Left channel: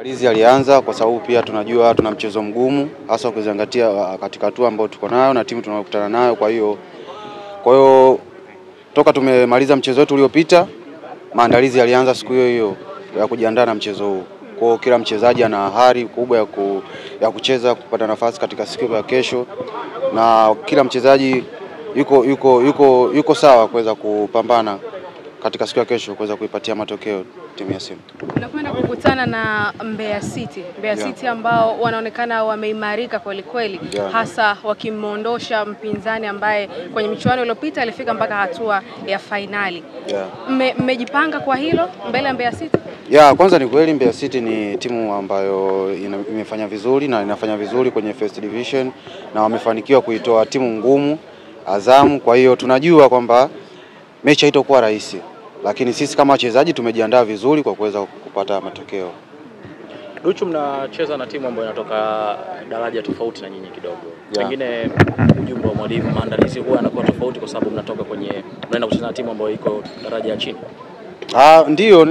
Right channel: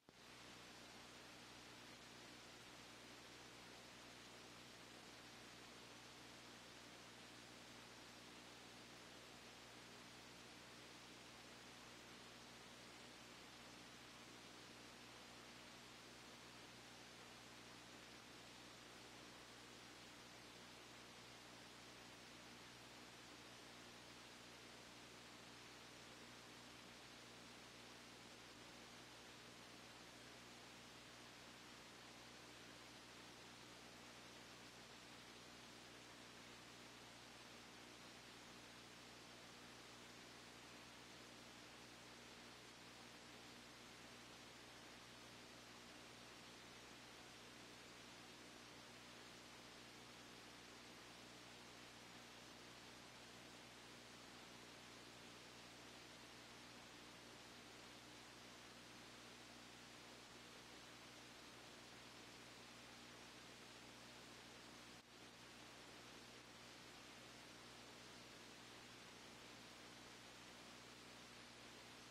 Maandalizi alianza kwa sababu pia tunajua tuna mchezo mgumu hasa ukizingatia katika hatua ambayo tuko nayo na timu tunayokutana nayo. Kwa hiyo toka tumemaliza mchezo wetu uliopita, maandalizi yalianza siku hiyo ya kujiandaa na mchezo huu. Kwa hiyo kila mchezaji ana hari kubwa ya kucheza kupata nafasi katika siku ya kesho, na kila mchezaji yuko sawa kuweza kupambana katika siku ya kesho kuweza kuipatia matokeo timu ya Simba. Tunakwenda kukutana na Mbeya City. City ambao wanaonekana wameimarika kweli kweli, hasa wakimondosha mpinzani ambaye kwenye michuano iliyopita alifika mpaka hatua ya finali. Mmejipanga kwa hilo mbele ya Mbeya City? Kwanza ni kweli Mbeya City ni timu ambayo imefanya vizuri na inafanya vizuri kwenye First Division na wamefanikiwa kuitoa timu ngumu Azam. Kwa hiyo tunajua kwamba mechi haitakuwa rahisi, lakini sisi kama wachezaji tumejiandaa vizuri kwa kuweza kupata matokeo. Duchu, mnacheza na timu ambayo inatoka daraja tofauti na nyinyi kidogo. Pengine ujumbe wa mwalimu, maandalizi huwa yanakuwa tofauti kwa sababu mnaenda kucheza na timu ambayo iko daraja ya chini. Ndio,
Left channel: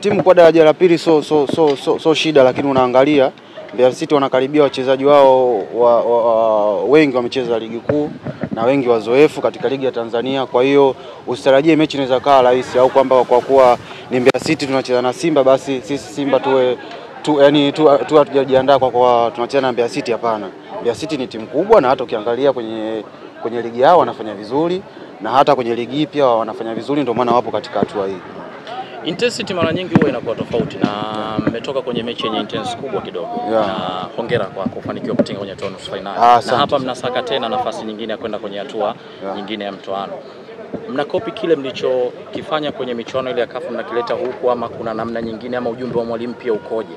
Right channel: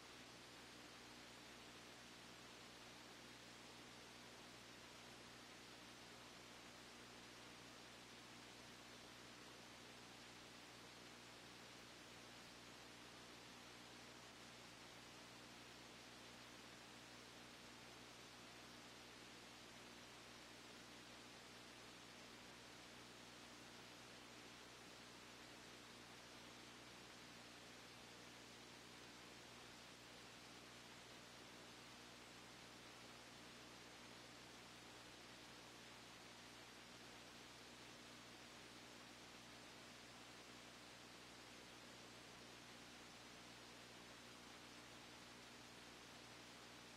timu kwa daraja la pili so shida, lakini unaangalia Mbeya City wanakaribia wachezaji wao wengi wamecheza ligi kuu na wengi wazoefu katika ligi ya Tanzania. Kwa hiyo usitarajie mechi inaweza kaa rahisi au kwamba kwa kuwa ni Mbeya City tunacheza na Simba basi sisi Simba hatujajiandaa kwa tunacheza na Mbeya City. Hapana. Mbeya City ni timu kubwa na hata ukiangalia kwenye ligi yao wanafanya vizuri na hata kwenye ligi pia wanafanya vizuri, ndio maana wapo katika hatua hii. Intensity mara nyingi huwa inakuwa tofauti na mmetoka kwenye mechi yenye intense kubwa kidogo. Na hongera kwa kufanikiwa kutinga kwenye nusu finali. Na hapa mnasaka tena nafasi nyingine ya kwenda kwenye hatua nyingine ya mtoano. Mnakopi kile mlichokifanya kwenye michuano ile ya CAF mnakileta huku, ama kuna namna nyingine, ama ujumbe wa mwalimu pia ukoje?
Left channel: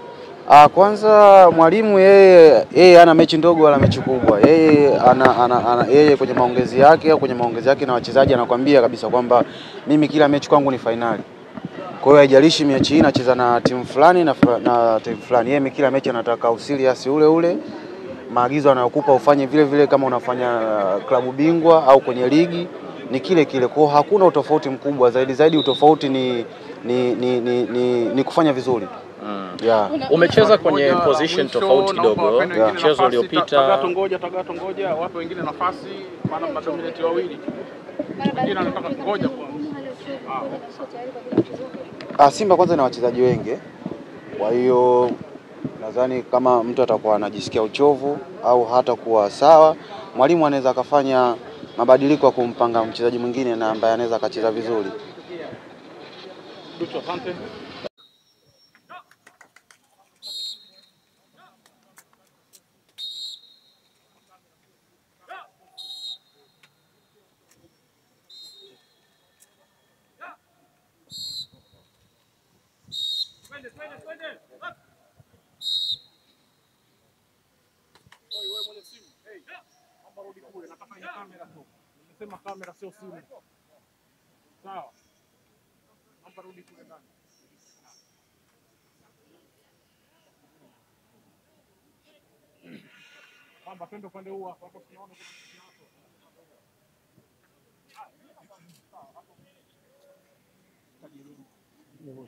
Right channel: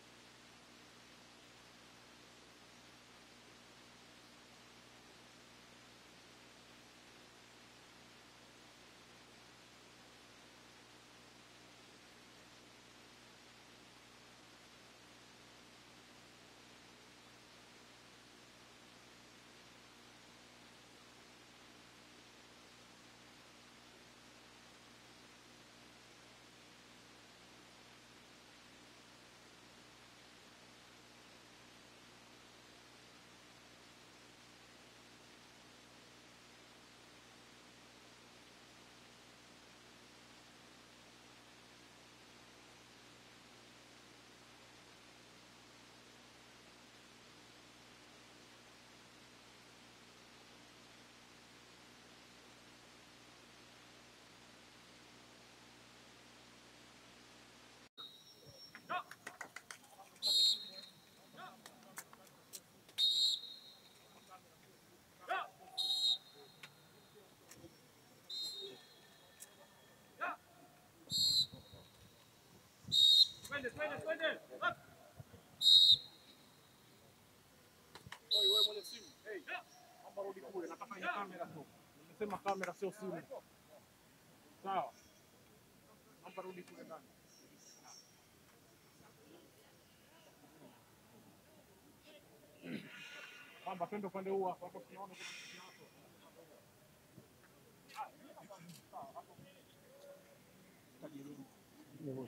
Kwanza mwalimu yeye ana mechi ndogo wala mechi kubwa. Yeye kwenye maongezi yake na wachezaji anakuambia kabisa kwamba mimi kila mechi kwangu ni finali. Kwa hiyo haijalishi mechi hii nacheza na timu fulani na timu fulani. Yeye kila mechi anataka usiliasi ule. Maagizo anayokupa ufanye vile vile kama unafanya klabu bingwa au kwenye ligi ni kile. Kwa hiyo hakuna utofauti mkubwa, zaidi utofauti ni kufanya vizuri. Umecheza kwenye position tofauti kidogo. Mchezo uliopita Tagato ngoja wapo wengine nafasi, maana mna dominate wawili. Wengine anataka ngoja kwa Simba kwanza na wachezaji wengi. Kwa hiyo nadhani kama mtu atakuwa anajisikia uchovu au hata kuwa sawa, mwalimu anaweza akafanya mabadiliko ya kumpanga mchezaji mwingine na ambaye anaweza akacheza vizuri. Duchu, asante. Wewe mwenye simu. Naomba rudi kule, nataka ni kamera tu. Nimesema kamera sio simu. Sawa. Naomba rudi kule ndani. Kwamba twende upande huu hapo tunaona kuna kitu hapo.